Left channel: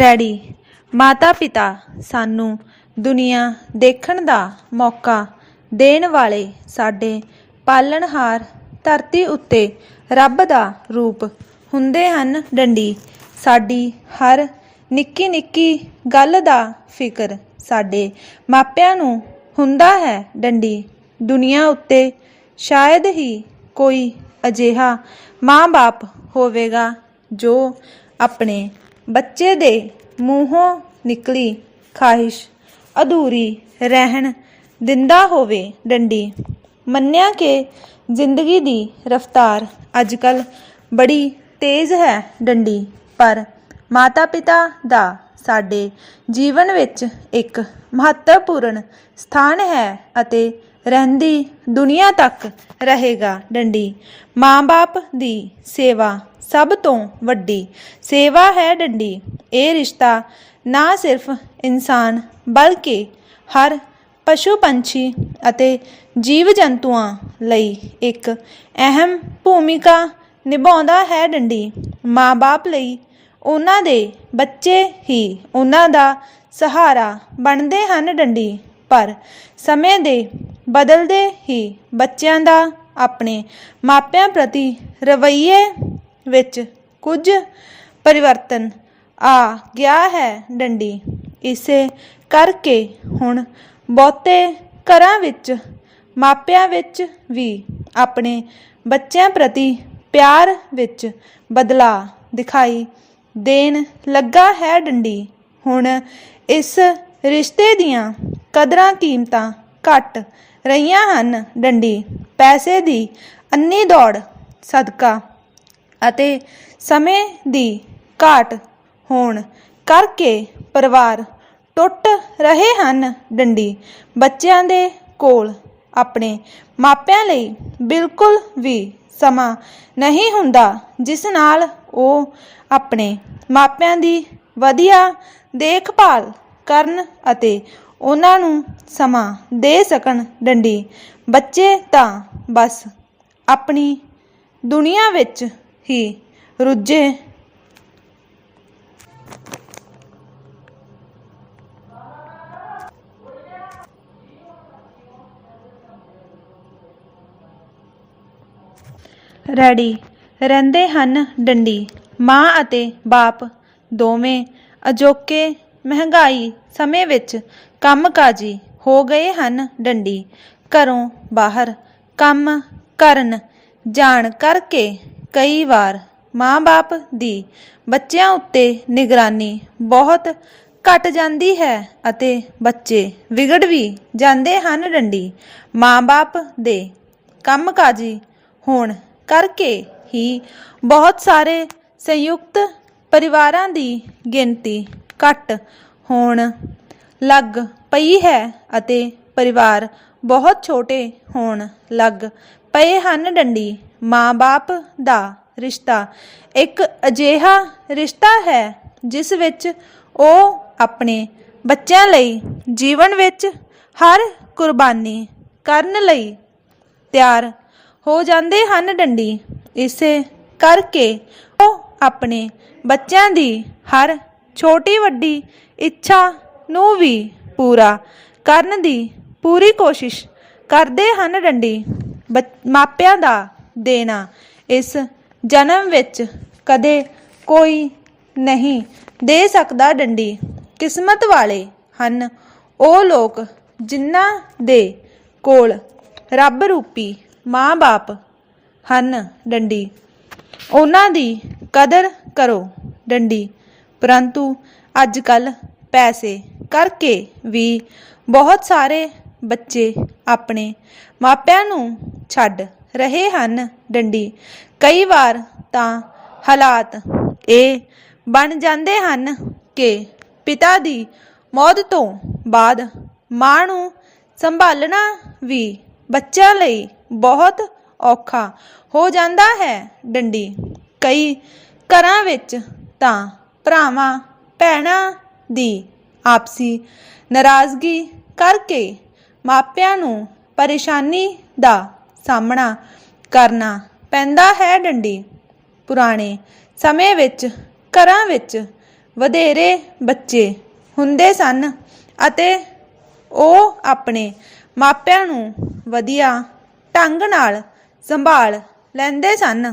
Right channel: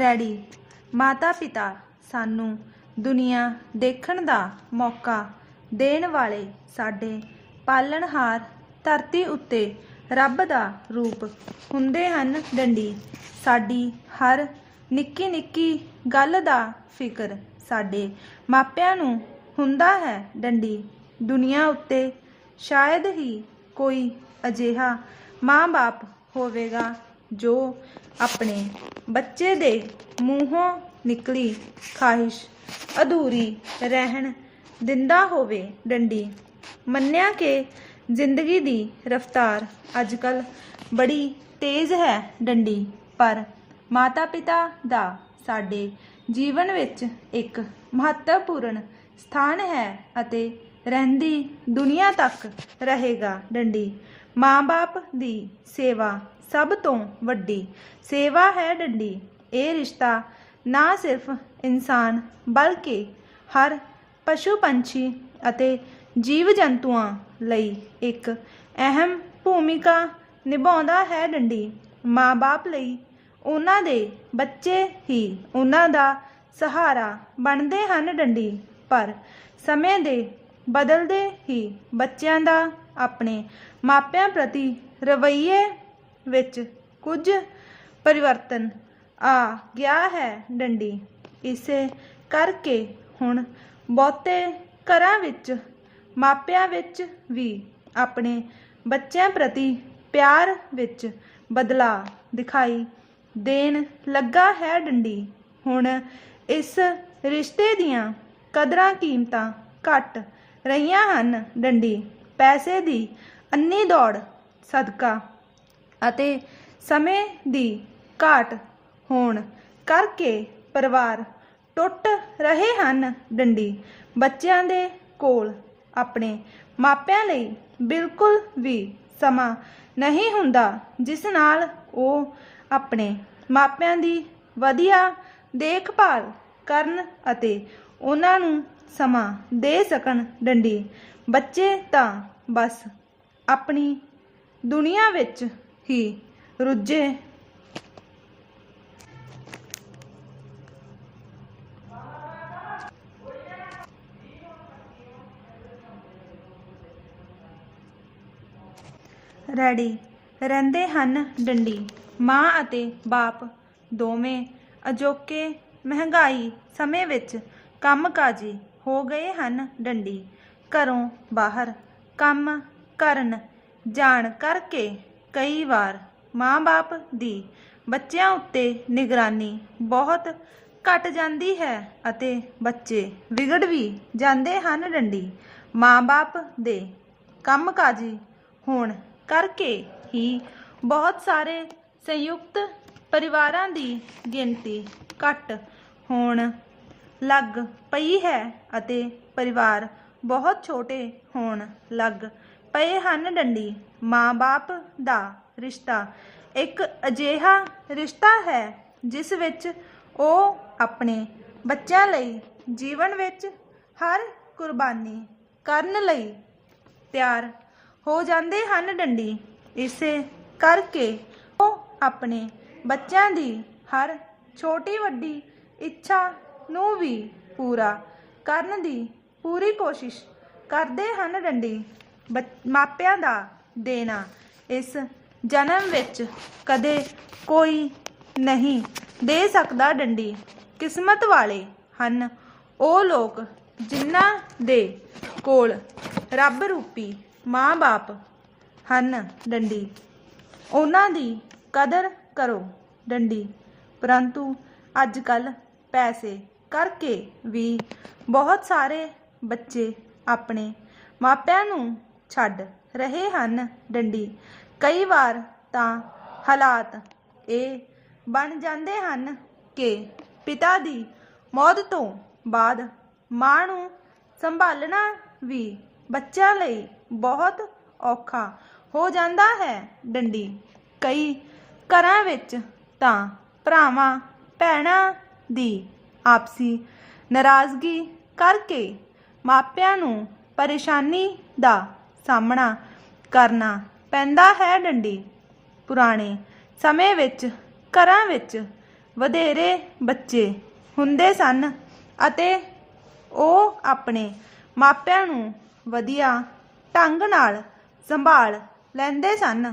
Ready. ਮਾਤਾ ਪਿਤਾ ਸਾਨੂੰ ਦੁਨੀਆ ਦੇਖਣ ਦਾ ਮੌਕਾ ਦੇਣ ਵਾਲੇ ਸਾਡੇ ਪਾਲਣਹਾਰ ਧਰਤੀ ਉੱਤੇ ਰੱਬ ਦਾ ਰੂਪ ਹੁੰਦੇ ਹਨ ਡੰਡੀ। ਸਾਡੀ ਹਰ ਨਿੱਕੀ ਨਿੱਕੀ ਗੱਲ ਦਾ ਫਿਕਰ ਸਾਡੇ ਮਾਪਿਆਂ ਨੂੰ ਹੁੰਦਾ ਹੈ ਡੰਡੀ। ਦੁਨੀਆ ਉੱਤੇ ਸ਼ਾਇਦ ਹੀ ਕੋਈ ਅਜਿਹਾ ਮਾਂ-ਬਾਪ ਹੋਵੇਗਾ ਜੋ ਆਪਣੇ ਬੱਚੇ ਦੇ ਮੂੰਹੋਂ ਨਿਕਲੀ ਖਾਹਿਸ਼। ਅਧੂਰੀ ਰਹਿਣ ਦਿੰਦਾ ਹੋਵੇ ਡੰਡੀ। ਮੰਨਿਆ ਕਿ ਜ਼ਿੰਦਗੀ ਦੀ ਰਫ਼ਤਾਰ ਅੱਜਕੱਲ ਬੜੀ ਤੇਜ਼ ਹੈ ਡੰਡੀ, ਪਰ ਮਾਤਾ-ਪਿਤਾ ਦਾ ਸਾਡੇ ਜੀਵਨ ਵਿੱਚ ਇੱਕ ਮਹੱਤਵਪੂਰਨ ਸਥਾਨ ਹੈ ਅਤੇ ਰਹਿੰਦੀ ਦੁਨੀਆ ਤੱਕ ਰਹੇਗਾ ਡੰਡੀ। ਮਾਂ-ਬਾਪ ਦੀ ਸੇਵਾ ਸਭ ਤੋਂ ਵੱਡੀ। ਸੇਵਾ ਹੈ ਡੰਡੀ। ਇਹ ਰਿਸ਼ਤਾ ਨਾ ਸਿਰਫ ਇਨਸਾਨ ਬਲਕਿ ਹਰ ਪਸ਼ੂ ਪੰਛੀ ਅਤੇ ਜੀਵ ਜੰਤੂਆਂ ਲਈ ਇੱਕ ਅਹਿਮ ਭੂਮਿਕਾ ਨਿਭਾਉਂਦਾ ਹੈ ਡੰਡੀ। ਮਾਂ-ਬਾਪ ਲਈ ਉਹਨਾਂ ਦੇ ਬੱਚੇ ਹੀ ਉਹਨਾਂ ਦਾ ਸਹਾਰਾ ਬਣਦੇ ਹਨ ਡੰਡੀ। ਪਰ ਸਮੇਂ ਦੇ ਬਦਲਦੇ ਹੀ ਬੱਚਿਆਂ ਦਾ ਆਪਣੇ ਮਾਪਿਆਂ ਪ੍ਰਤੀ ਰਵੱਈਏ ਵਿੱਚ ਕੁਝ ਪਰਿਵਰਤਨ ਆ ਗਿਆ ਹੈ ਡੰਡੀ। ਇਸੇ ਕਰਕੇ ਹੁਣ ਬਹੁਤੇ ਘਰਾਂ ਵਿੱਚ, ਮਾਪਿਆਂ ਵਿੱਚ ਵੀ ਆਪਣੇ ਬੱਚਿਆਂ ਪ੍ਰਤੀ ਪਿਆਰ ਵਿੱਚ ਬਦਲਾਅ ਦਿਖਾਈ ਦੇਣ ਲੱਗਾ ਹੈ ਡੰਡੀ। ਹੁਣ ਇਸ ਰਿਸ਼ਤੇ ਦੀਆਂ ਕਦਰਾਂ ਕੀਮਤਾਂ ਘਟ ਰਹੀਆਂ ਹਨ। ਡੰਡੀ, ਪੈਸੇ ਦੀ ਅੰਨੀ ਦੌੜ, ਸਦਕਾ ਅਤੇ ਸਮੇਂ ਦੀ ਘਾਟ ਹੋਣ ਕਰਕੇ ਪਰਿਵਾਰ ਟੁੱਟ ਰਹੇ ਹਨ। ਡੰਡੀ, ਬੱਚਿਆਂ ਦੇ ਕੋਲ ਆਪਣੇ ਮਾਪਿਆਂ ਲਈ ਬਿਲਕੁਲ ਵੀ ਸਮਾਂ ਨਹੀਂ ਹੁੰਦਾ, ਜਿਸ ਨਾਲ ਉਹ ਆਪਣੇ ਮਾਪਿਆਂ ਦੀ ਵਧੀਆ ਦੇਖਭਾਲ ਕਰਨ ਅਤੇ ਉਹਨਾਂ ਨੂੰ ਸਮਾਂ ਦੇ ਸਕਣ ਡੰਡੀ। ਬੱਚੇ ਤਾਂ ਬਸ ਆਪਣੀ ਦੁਨੀਆ ਵਿੱਚ ਹੀ ਰੁੱਝੇ। ਰੈਡੀ। ਰਹਿੰਦੇ ਹਨ ਡੰਡੀ। ਮਾਂ ਅਤੇ ਬਾਪ ਦੋਵੇਂ ਅਜੋਕੇ ਮਹਿੰਗਾਈ ਸਮੇਂ ਵਿੱਚ ਕੰਮਕਾਜੀ ਹੋ ਗਏ ਹਨ ਡੰਡੀ। ਘਰੋਂ ਬਾਹਰ ਕੰਮ ਕਰਨ ਜਾਣ ਕਰਕੇ ਕਈ ਵਾਰ ਮਾਂ-ਬਾਪ ਦੀ ਬੱਚਿਆਂ ਉੱਤੇ ਨਿਗਰਾਨੀ ਬਹੁਤ ਘਟ ਜਾਂਦੀ ਹੈ ਅਤੇ ਬੱਚੇ ਵਿਗੜ ਵੀ ਜਾਂਦੇ ਹਨ ਡੰਡੀ। ਮਾਂ-ਬਾਪ ਦੇ ਕੰਮਕਾਜੀ ਹੋਣ ਕਰਕੇ ਹੀ ਬਹੁਤ ਸਾਰੇ ਸੰਯੁਕਤ ਪਰਿਵਾਰਾਂ ਦੀ ਗਿਣਤੀ ਘਟ ਹੋਣ ਲੱਗ ਪਈ ਹੈ ਅਤੇ ਪਰਿਵਾਰ ਬਹੁਤ ਛੋਟੇ ਹੋਣ ਲੱਗ ਪਏ ਹਨ ਡੰਡੀ। ਮਾਂ-ਬਾਪ ਦਾ ਰਿਸ਼ਤਾ ਇੱਕ ਅਜਿਹਾ ਰਿਸ਼ਤਾ ਹੈ ਜਿਸ ਵਿੱਚ ਉਹ ਆਪਣੇ ਬੱਚਿਆਂ ਲਈ ਜੀਵਨ ਵਿੱਚ ਹਰ ਕੁਰਬਾਨੀ ਕਰਨ ਲਈ ਤਿਆਰ ਹੋ ਜਾਂਦੇ ਹਨ ਡੰਡੀ। ਇਸੇ ਕਰਕੇ ਉਹ ਆਪਣੇ ਬੱਚਿਆਂ ਦੀ ਹਰ ਛੋਟੀ ਵੱਡੀ ਇੱਛਾ ਨੂੰ ਵੀ ਪੂਰਾ ਕਰਨ ਦੀ ਪੂਰੀ ਕੋਸ਼ਿਸ਼ ਕਰਦੇ ਹਨ ਡੰਡੀ। ਬੱਚ- ਮਾਪਿਆਂ ਦਾ ਦੇਣਾ ਇਸ ਜਨਮ ਵਿੱਚ ਕਦੇ ਕੋਈ ਨਹੀਂ ਦੇ ਸਕਦਾ ਡੰਡੀ। ਕਿਸਮਤ ਵਾਲੇ ਹਨ ਉਹ ਲੋਕ ਜਿਨ੍ਹਾਂ ਦੇ ਕੋਲ ਰੱਬ ਰੂਪੀ ਮਾਂ-ਬਾਪ ਹਨ ਡੰਡੀ। ਉਹਨਾਂ ਦੀ ਕਦਰ ਕਰੋ ਡੰਡੀ। ਪਰੰਤੂ ਅੱਜ ਕੱਲ ਪੈਸੇ ਕਰਕੇ ਵੀ ਬਹੁਤ ਸਾਰੇ ਬੱਚੇ ਆਪਣੇ ਮਾਪਿਆਂ ਨੂੰ ਛੱਡ ਰਹੇ ਹਨ ਡੰਡੀ। ਕਈ ਵਾਰ ਤਾਂ ਹਾਲਾਤ ਇਹ ਬਣ ਜਾਂਦੇ ਹਨ ਕਿ ਪਿਤਾ ਦੀ ਮੌਤ ਤੋਂ ਬਾਅਦ ਮਾਂ ਨੂੰ ਸੰਭਾਲਣਾ ਵੀ ਬੱਚਿਆਂ ਲਈ ਬਹੁਤ ਔਖਾ ਹੋ ਜਾਂਦਾ ਹੈ ਡੰਡੀ। ਕਈ ਘਰਾਂ ਵਿੱਚ ਤਾਂ ਭਰਾਵਾਂ, ਭੈਣਾਂ ਦੀ ਆਪਸੀ ਨਾਰਾਜ਼ਗੀ ਕਰਕੇ ਮਾਪਿਆਂ ਨੂੰ ਪਰੇਸ਼ਾਨੀ ਦਾ ਸਾਹਮਣਾ ਕਰਨਾ ਪੈਂਦਾ ਹੈ ਡੰਡੀ। ਪੁਰਾਣੇ ਸਮੇਂ ਵਿੱਚ ਘਰਾਂ ਵਿੱਚ ਵਧੇਰੇ ਬੱਚੇ ਹੁੰਦੇ ਸਨ ਅਤੇ ਉਹ ਆਪਣੇ ਮਾਪਿਆਂ ਨੂੰ ਵਧੀਆ ਢੰਗ ਨਾਲ ਸੰਭਾਲ ਲੈਂਦੇ ਸਨ।